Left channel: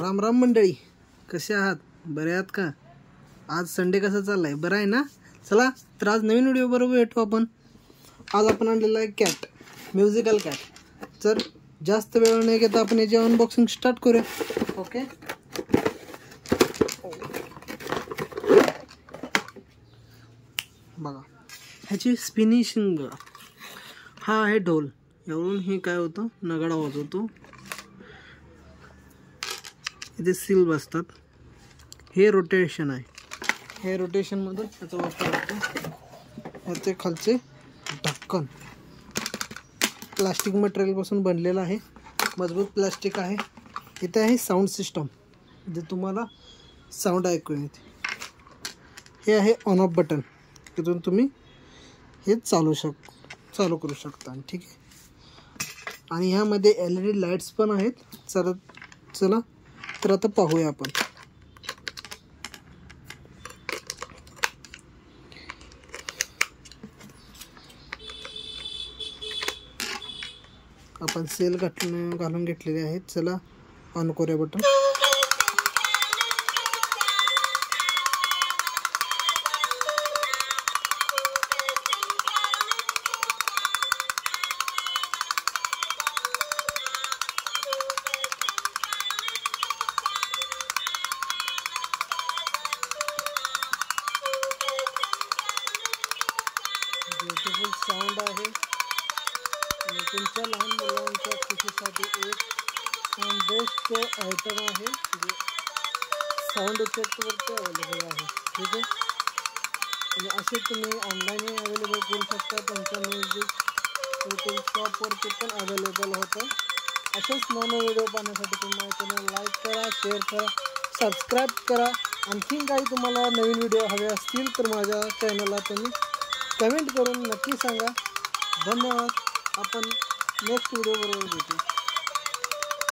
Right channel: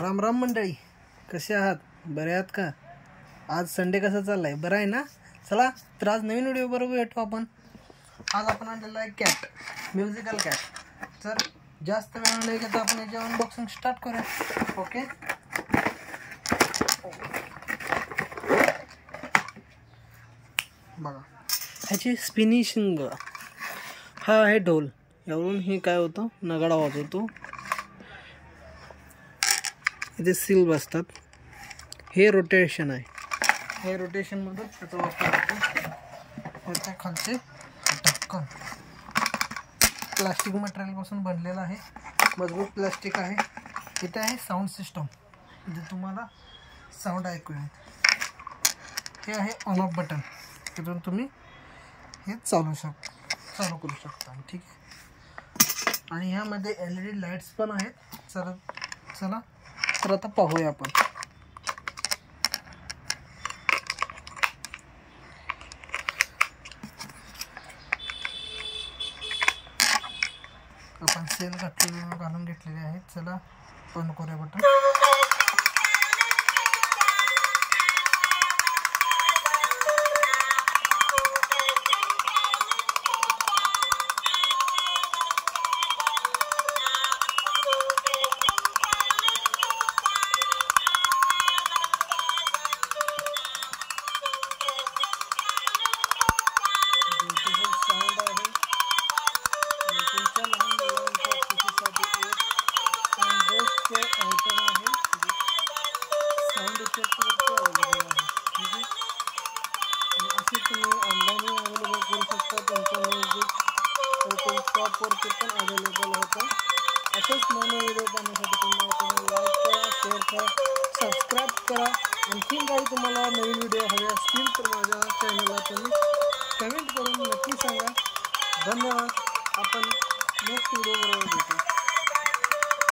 राम राम मंडळी, कसे आहात? बरे आहात का? आज संडे कसा चाललाय? बरं आहे ना? चला तर आज नवीन व्हिडिओ बरोबर भेटू आपण. आज आपण आणलेला आहे कॅट, म्युझिकल कॅट. तर जास्त वेळ नाही घेता आपण याची अनबॉक्सिंग स्टार्ट करूया. ओके, बघा ह्याची स्पिनिशिंग. हा आहे ढोल. यावरून हे काय होतं, नगाडा वाजवतो. इथे सील बसतात. हे रोटेशन आहे. हे रोटेशनमध्ये त्याचा वापर होतो. याचे खालचे ढक्कन प्लास्टिक मटेरियलपासून बनलेलं आहे. मजबूत प्लास्टिक आहे. इथे आहे साऊंड सिस्टम, जे तुम्हाला साऊंड ऐकू येते. हे आहे ऑन ऑफ बटन, तिथून तुम्ही हे चालू करू शकता. ठीक आहे. आणि ह्यामध्ये LED लाईट्स पण आहेत. चला तर आता पाहूया आपण. आपण सेल घालून घेतलेले आहेत. चला ऑन करूया बटन. ब्युटिफुल साऊंड आहे. आणि तुमच्या लहान मुलांच्या खुशीसाठी एक बेस्ट आयटम आहे. साऊंड इफेक्टवरती अवेलेबल आहे. ठीक आहे. आणि असे तुम्ही ऑनलाईनही अवेलेबल करू शकता. त्यांच्या म्युझिक शॉपवरती पण अवेलेबल होतं. असेच नवीन व्हिडिओ पाहण्यासाठी तुम्ही लाईक करा, शेअर करा, सबस्क्राईब करा. आणखीन काही तुम्हाला नवीन व्हिडिओ हवे असतील तर माझ्या चॅनलला तुम्ही कमेंट करून नक्की सांगा. धन्यवाद. आपण नेक्स्ट व्हिडिओ बरोबर भेटू.